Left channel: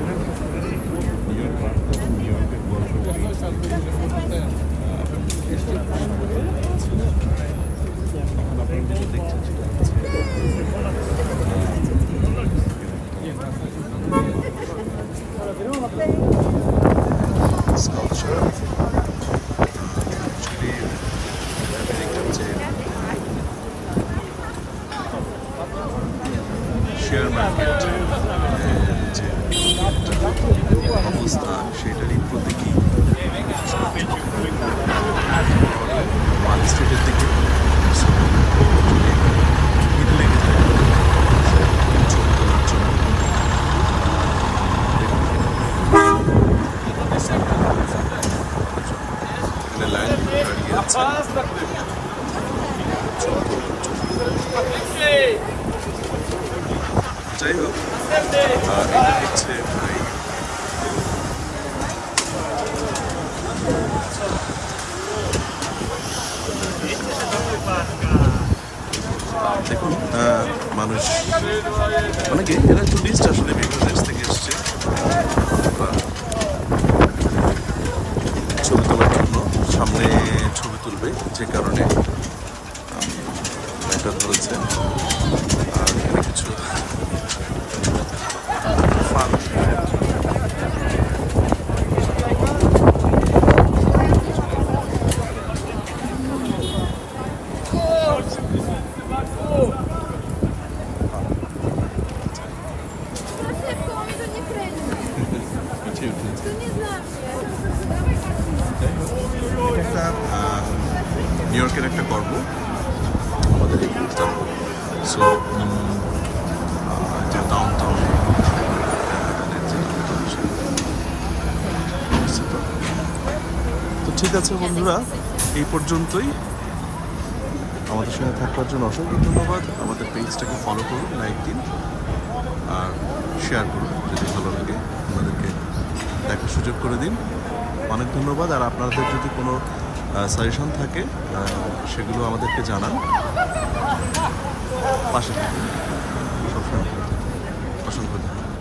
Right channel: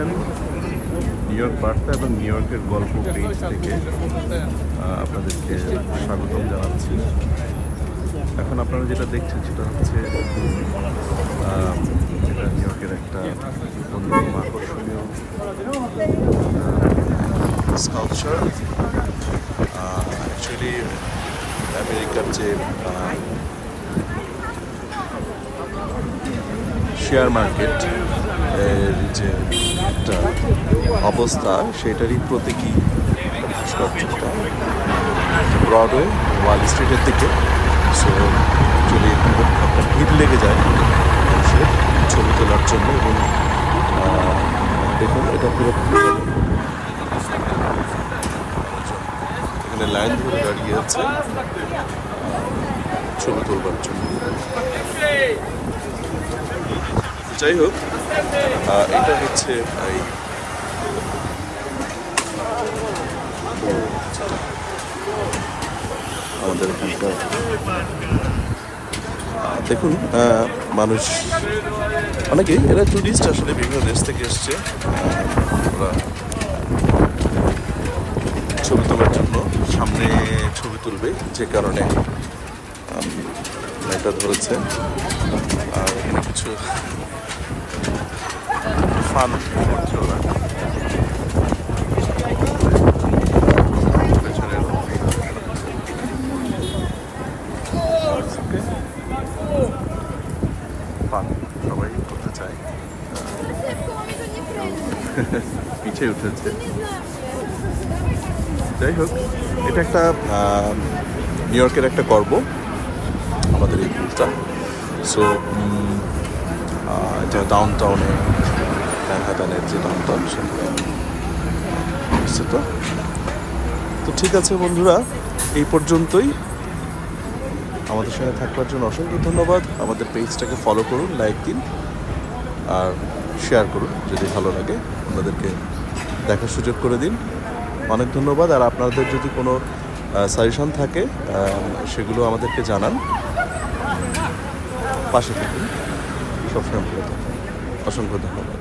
দেখছেন new York বার্তা এবং নিউ ইয়র্কের গল্প পেজ থেকে আপনাদেরকে স্বাগতম জানাচ্ছি। এখন আপনারা যেটা দেখছেন সেটা হচ্ছে নিউ ইয়র্কের একটা স্কাল্পচার। অ্যাকচুয়ালি আমেরিকার যে শেয়ার মার্কেট এর যে একটা অবস্থা সেটারই প্রতীকী ব্রডওয়ে ওয়াল স্ট্রিটের দিকে। সো যদি এখানে একটা ভিড় লেগে যায় মানুষের ছবি তোলার জন্য, এবং দেখুন এটা পুরো এখানে লাইন ধরে দাঁড়িয়ে আছে ছবি তোলার জন্য। যাই হোক, এটা হচ্ছে আমাদের এখানকার দেখুন মানুষ অনেকে, এরা টুরিস্ট আসলে বিভিন্ন দেশ থেকে এসছে ছবি তোলার জন্য। সামনে ছবি তুলবে যে কারণে এটা ধরেছে। আর এখানে কিছু ফান পিছিয়ে উঠেছে। যাই হোক, এটা একটা নিউ ইয়র্কের একটা গর্ব আমাদের এই গ্রুপটা। সো এটা ডাউন টাউনে ম্যানহাটানের যে ডাউন টাউন সেখানে অবস্থিত। তো ঠিক আছে বন্ধুরা, এই পর্যন্তই। আমাদের সঙ্গে থাকবার জন্য অসংখ্য ধন্যবাদ। আমাদের পেজটাকে ফলো করুন, লাইক দিন আর শেয়ার করুন যদি ভালো লাগে, আপনাদেরকে দেখার সুযোগ করে দিন। অনেক ধন্যবাদ। আর আপনাদের যদি কোনো সাজেশন থাকে সেগুলো আমাদেরকে জানান। পাশে থাকুন, সবসময় ভালো থাকুন। অসংখ্য ধন্যবাদ।